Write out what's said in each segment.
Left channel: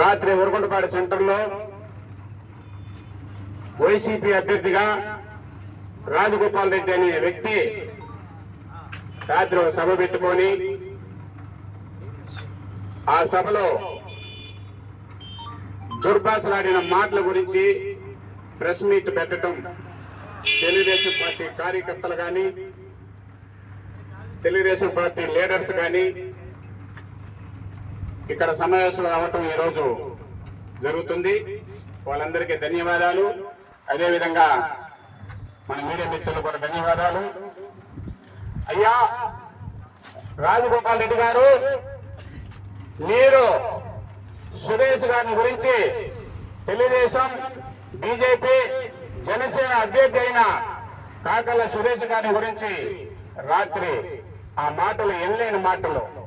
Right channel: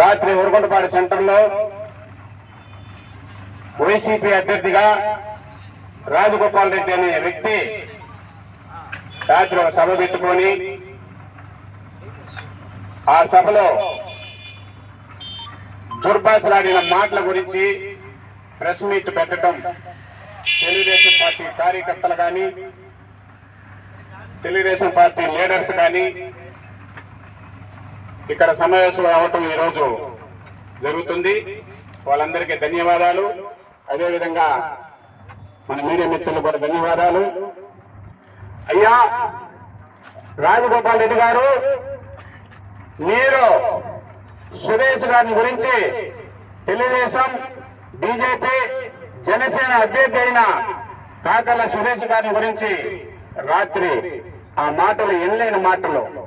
రాత్రి ఉరగొండపాడు సెంటర్లో వైసీపీ అభ్యర్థిగా రాజగోపాల్ రెడ్డి అనే వ్యక్తి రాత్రి ఒక సభ పెట్టుకొని ఆ సభలో దుర్భాషలాడిన మాటల గురించి ప్రెస్ మీట్ పెట్టడం తెలుగుదేశం పార్టీ కార్యకర్తలు కానీ తెలుగుదేశం పార్టీ లీడర్స్ కానీ ఇక్కడ సమావేశం అవ్వటం ఈరోజు జరుగుతుంది. వాళ్ళందరికీ ధన్యవాదాలు. అదేవిధంగా మన మీడియా మిత్రులు కూడా ధన్యవాదాలు. అయ్యా రాజగోపాల్ రెడ్డి గారు మీరు సురేష్ గారిని గురించి తెలుగుదేశం బీజేపీ జనసేన అభ్యర్థి అయిన కాకల సురేష్ గారిని గురించి రాత్రి ఆ మాటలు ఎన్నలేని మాటలు.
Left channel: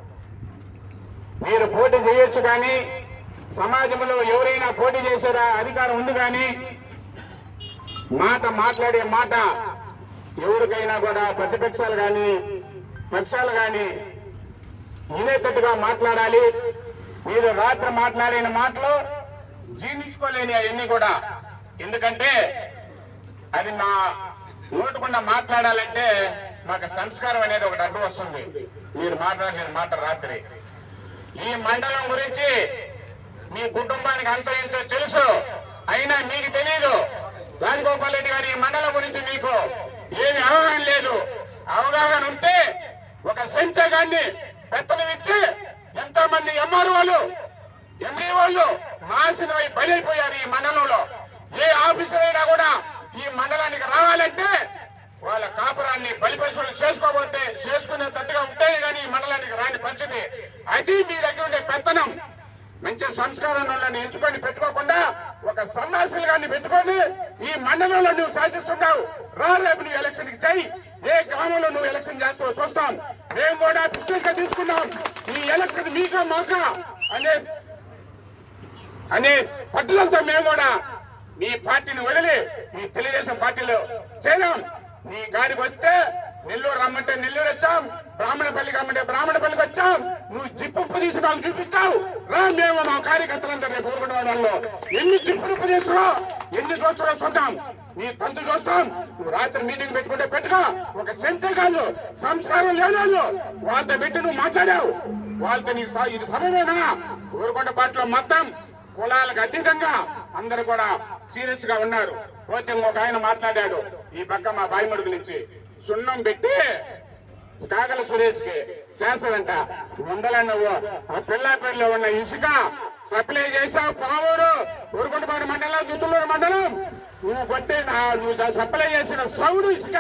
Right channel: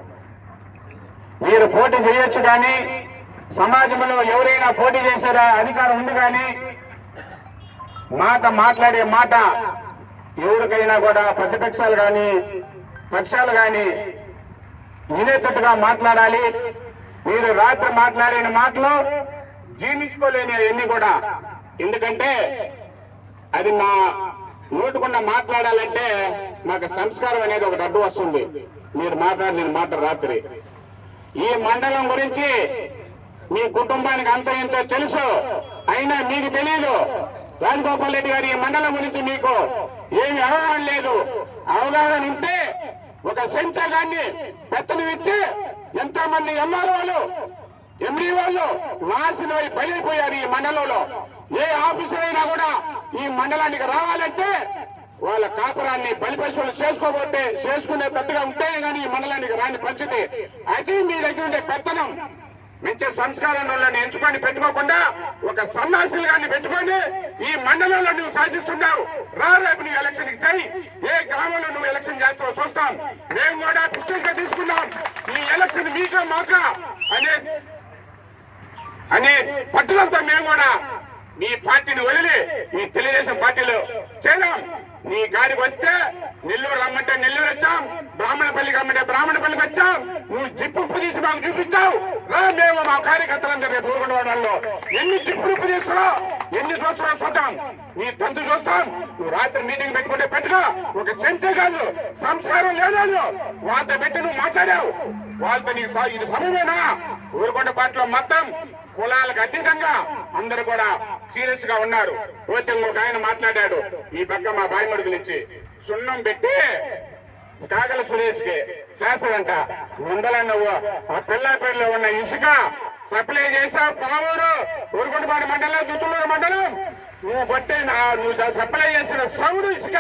మీరు పోటీ చేయొచ్చు కానీ సమాజంలో ఎవరైనా పోటీ చేశారా అధికారం ఉంది కానీ మాట మాట్లాడే మాట ఎవరికైనా కూడా ప్రతిపక్షాలు కానీ పక్షాలు కానీ వినేటట్టుగా మాట్లాడాలి. మీరు రాత్రి మాట్లాడిన మాటలు జీర్ణించుకోలేని అవన్నీ కూడా. ఎందుకంటే అది మా నోటుకుండా మాట్లాడాలంటే మాకు సంస్కారం అనేది ఒకటి అడ్డు వస్తుంది. మీరు మాట్లాడిన మాట రాత్రి. ఈ మండలం గురించి మీ కుటుంబానికి అంత ఎంతో తెలుసు? అయినా మీకు తెలియదు రాజగోపాల్ రెడ్డి గారు ఈ మండలం గురించి మీకు ఏమి అవగాహన లేదు. అవగాహన ఉంటే ఒక సెంచగాన్ని పెత్తనం ఇచ్చి ఎంతో మంది ఎంఆర్ వాళ్ళు ఎంఈ వాళ్ళు నాశనమై బలైపోయారు ఈ మండలంలో. ఏ ఆఫీసర్ అయినా కూడా ఈ మండలానికి రావాలంటే వాళ్ళ కాపురాన్ని బలిపశువులు చేసుకోబోతే చేసుకునే తట్టుగా ఉంటేనే కానీ ఈ మండలానికి రాని పరిస్థితి. అది మీ దగ్గర ఉండే పెత్తనం మంచి సంస్కారాలను ఎంచుకొని పెట్టుకోకుండా ఒక సన్నాసులు గారిని పెట్టుకొని ఈ మండలంలో నువ్వు సాధిస్తున్నావు రా రేపు నువ్వు ఎలక్షన్కి చెయ్యి ఏ గ్రామంలో నువ్వు ఎలక్షన్ చేస్తావో చూస్తాం. మేము కూడా పిక్చర్గా తీసుకున్నాం. ఈ ఎలక్షన్ మీకా మాకా అనే అనే పట్టుదలతో మేము కూడా మీ పార్టీని వదిలి మీ తెలుగుదేశం పార్టీలో చేరాం. నీ గాడికి వస్తే నెల్లూరు రమ్మంటే నెల్లూరు వచ్చాం బ్రాహ్మణపల్లికి రమ్మంటే బ్రాహ్మణపల్లికి వచ్చాం. నువ్వు జిప్పు తీసి మాకు చూపించావు. రా మేము మా కార్యకర్తలందరూ రేపు ఎన్ని జిప్పులు తీసుకురా ఎన్ని చూస్తారో చూద్దాం? నీ తంతు చూస్తాం. నువ్వు రాత్రి మీటింగ్ పెట్టుకుంటే పెట్టుగా ఒక సెన్సర్ కాదు. సంస్కారం లేదు వాళ్ళతో పెట్టి నువ్వు మాట్లాడావు. వాళ్ళతో నీకు ఇది సమయమేనా? ఊరుకొండ పార్టీలో మొత్తం కులాలకు అతీతంగా అందరూ కూడా సీరియస్గా ఉన్నారు. పోతే ఇంకొక ఆయన మాట్లాడాడు ఈ పక్క మా బాయిమడుగులు ఇచ్చి సున్నం పెట్టి కాగల సురేష్కి శాసనంట ముందల నువ్వు ఆ పిల్లాపల్లిలో ఉన్న ఇసుక సప్లై చేసావు పామూరు ఊరుకుంటపాడు మండలం దుత్తులూరు మండలం. నువ్వు కొట్టి నా- నువ్వు సప్లై చేసిన సౌడు ఇసుక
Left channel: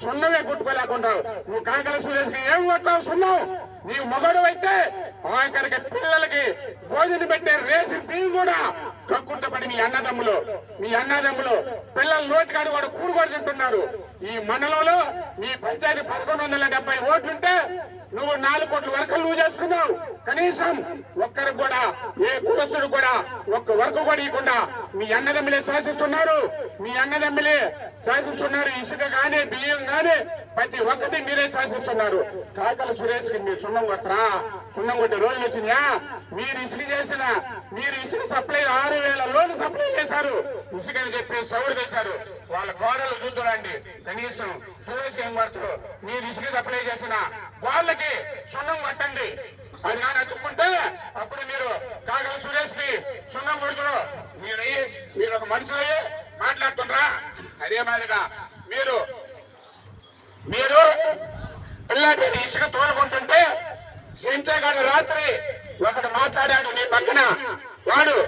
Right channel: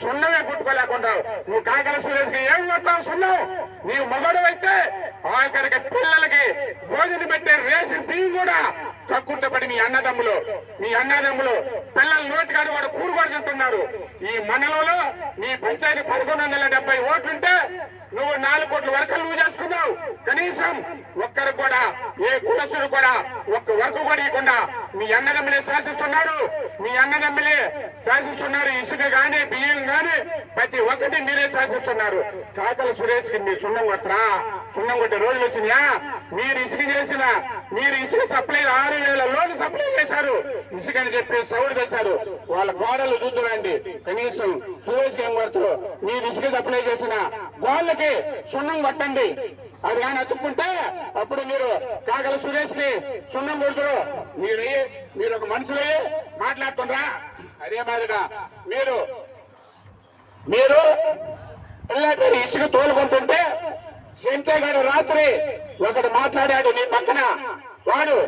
సున్నమే గుట్టుకోలేకుంటావు నువ్వు కాకాసు సురేష్కి ఏం కొట్టావు సున్నావు? నీవు మగడు అయితే ఆఖరికి పిల్లలకి భోజనం పెట్టే రేసి టీం కూడా కక్కుంటపడి మీ అన్నదమ్ములు మీ అన్నదమ్ములు పిల్లల నోటికాడు కూడా కూడుబడి తింటున్నారు. ఈ మండలంలో నీ పంచాయతీ పదకొండు వందల డెబ్బై ఓట్లుంటే నువ్వు నాలుగు కోట్ల వర్కలు నువ్వు చేసుకున్నావు. కనీసం ఒక్కరు కూడా ఏ కులస్తుడు కూడా ఒక్క వర్క్ కూడా ఇవ్వకుండా మీ అన్నదమ్ములే శాసిస్తున్నారు. మీ అన్నదమ్ములే శాసిస్తున్నారు. ఇసుక గాని బియ్యం గానే ప్రతి ఒక్కటి మీరే శాసిస్తున్నారు. కాకల సురేష్కి మీరు సున్నం కొట్టరా సున్నం కొట్టే రోజులు వచ్చినాయా? మీరు ఇసుక చేసిన మీరు ఇసుక సప్లై ఆరు వేల లోన్ సప్లై చేశారు. ఇసుకని చెప్పి సౌడు చేశారు వాళ్ళ గోడలు చూద్దురండి. కనీసం సురేష్ ఏం కొడుతారు మీరు ఇసుక సప్లై చేసిన వాళ్ళకి సున్నం కొట్టండి అది కానీ అతుక్కుంటే అప్పుడు మీరు కాగల సురేష్కి సున్నం కొడుతురు. మీరు మీరు ఒక మనుషులే మాట్లాడుతుండ్రా. అదే మాదిరిగా మీరు మీరు పిల్లల పేరు ఇసుక తోలుకుంటుంటే సెంటగాడు రాత్రి ఒకడు మాట్లాడాడు నీ పక్కన. వాడు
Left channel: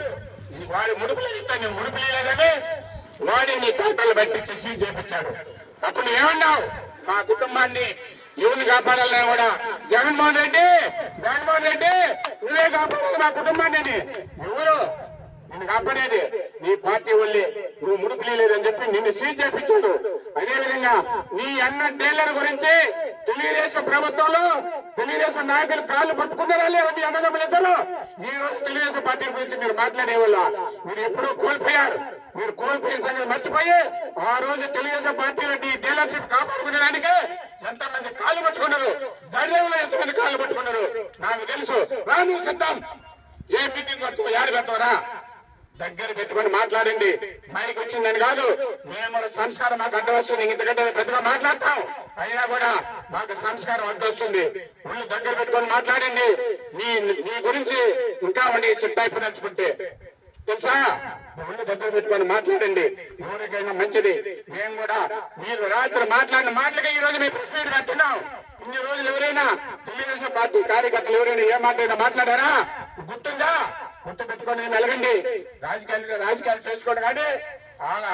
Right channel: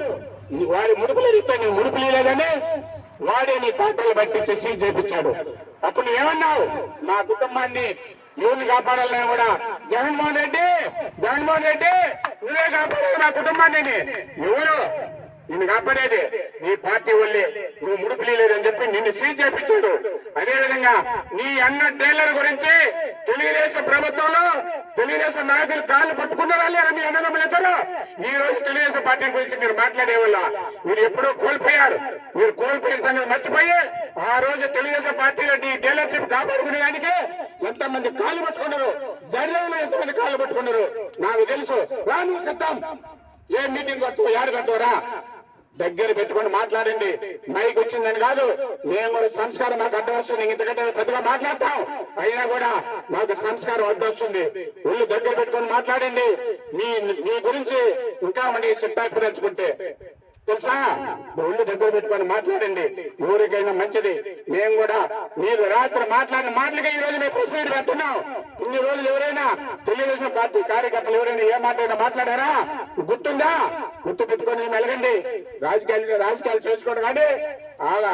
వాడి ముడుపులు ఇస్తా నేను ముడుపులు లేదని వాడే నీ కోటలు పట్టించి సీజ్ చేపించాడు అప్పుడు నువ్వేమన్నావు మా కుటుంబాన్ని ఎవరిని కాపాడాలని కూడా జగన్మోహన్ రెడ్డి జగన్మోహన్ రెడ్డి నువ్వే కాపాడాలి మా కుటుంబాన్ని. ఎవరు? నిన్ను కాపాడేది నీ పార్టీ వల్లే. నువ్వు ముడుపులి చెప్పి నిన్ను సీజ్ చేపించాడు అదే విధంగా నీ అన్న టైలర్ గురించి తెలుగుదేశం ప్రభుత్వంలో తెలుగుదేశం నాయకులు కాళ్ళు పట్టుకున్నారా లేరా మీ అన్నదమ్ములు ఇద్దరు? ఈ రోజు తెలుగుదేశం పార్టీ గురించి మీరు మాట్లాడే వల్ల మీరు ఎప్పుడో కోల్పోయారు. మీరు కోల్పోయిన సంగతి మర్చిపోయి ఆ రోజు తెలుగుదేశం పార్టీలో నీ డీలర్షిప్ కాపాడుకునేదానికే ఎంతమంది కాళ్ళు పట్టుకున్నారు? జర్నలో ఎంతమంది కాళ్ళు పట్టుకున్నారు? నాకు తెలుసు. రా నువ్వు సత్తాం. ఏ మీటింగ్ పట్టుకో యాడ పెట్టవరా దగ్గర పెట్టుకొని మాట్లాడండి. మైక్ వచ్చిందని కాదు. మేము కూడా సంస్కారం మాకు అడ్డవస్తుంది. ఇంతకంటే పెద్దగా మాట్లాడతాం. అయినా కూడా మాకు సంస్కారం అడ్డొస్తుంది. ఒళ్ళు దగ్గర పెట్టుకొని మాట్లాడండి. నీ నీ గురించి ఇంకా ఉండి సిట్టాయిపు అయిపోదలుచుకుంటే తెలుసా? ఒళ్ళు దగ్గర పెట్టుకొని మాట్లాడండి. ఎవరికైనా మంచిది. మేము కూడా మీరు రాత్రి మాట్లాడిన మాటలకే ఈ రోజు మీ ప్రెస్ మీట్ పెడుతున్నాం. ఇన్ని రోజులు ఎవరైనా తెలుగుదేశం పార్టీ కార్యకర్తలు ఎవరైనా ఏ మాట మాట్లాడారా? గుర్తుందా? గుర్తు పెట్టుకొని నలగండి రాజకీయాలు రాజకీయాలు చేసుకోండి కానీ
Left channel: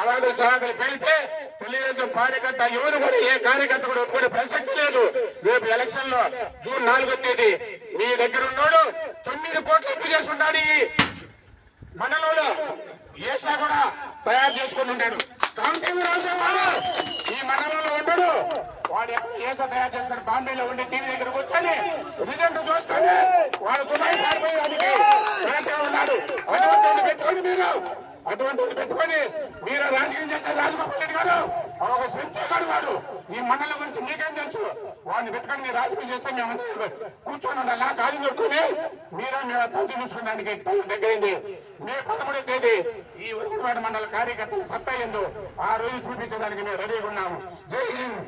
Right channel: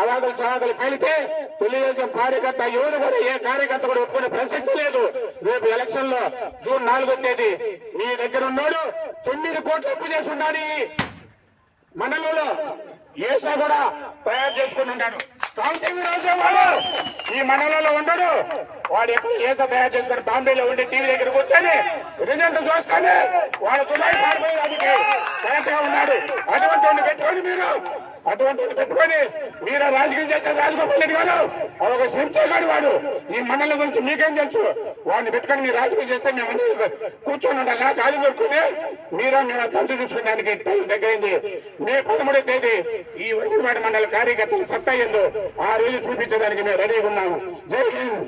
అవాదులు సవాదులు పేలితే తెలుగుదేశం కార్యకర్త ఎవరు కూడా ఏ కార్యకర్త కూడా ఒప్పుకునే ప్రసక్తి లేదు. రేపు ఎలక్షన్లో జూన్ నాలుగో తేదీ మీ దగ్గర ఉన్నాడు తొమ్మిది కోట్లు అప్పు చేసి ఉండాలి. మండలంలో ఏసా కూడా తయారు చేసుకుని ఉంటాడు. కాంతింగ్ రాజేవాడు ఈ మండలంలో ఉండడు. వాడు ఎప్పుడు ఏసా తయారు చేసుకుని బాంబేలో ఉండి టీవీ దగ్గర కూర్చొని రిజల్ట్ చూస్తానే. వాడు పారిపోయి కరెక్ట్గా ఉన్నాడు. అటువంటి పెట్టుకొని మీరు. అటువంటి పెట్టుకొని మీరు రాజకీయం చేసే రాజగోపాల్ రెడ్డి గారు ఒక సంచగాడు వాడు. ఈ మండలం గురించి మీకేం తెలుసు? వాడిని పెట్టుకొని మీరు రాజకీయం చేస్తే మేము అన్ని కూర్చొని ఉండాలా. గాలి దొరుకుతుంది. మీరా మీరు తండ్రి చూసుకున్నానికి దగ్గరైంది మే పదమూడో తేదీ ఈ వరకువాడి మండల కార్యకర్తలు సత్తా ఏందో ఆ రోజు చూపించడానికి మేము రెడీగా ఉన్నాము. జై హింద్.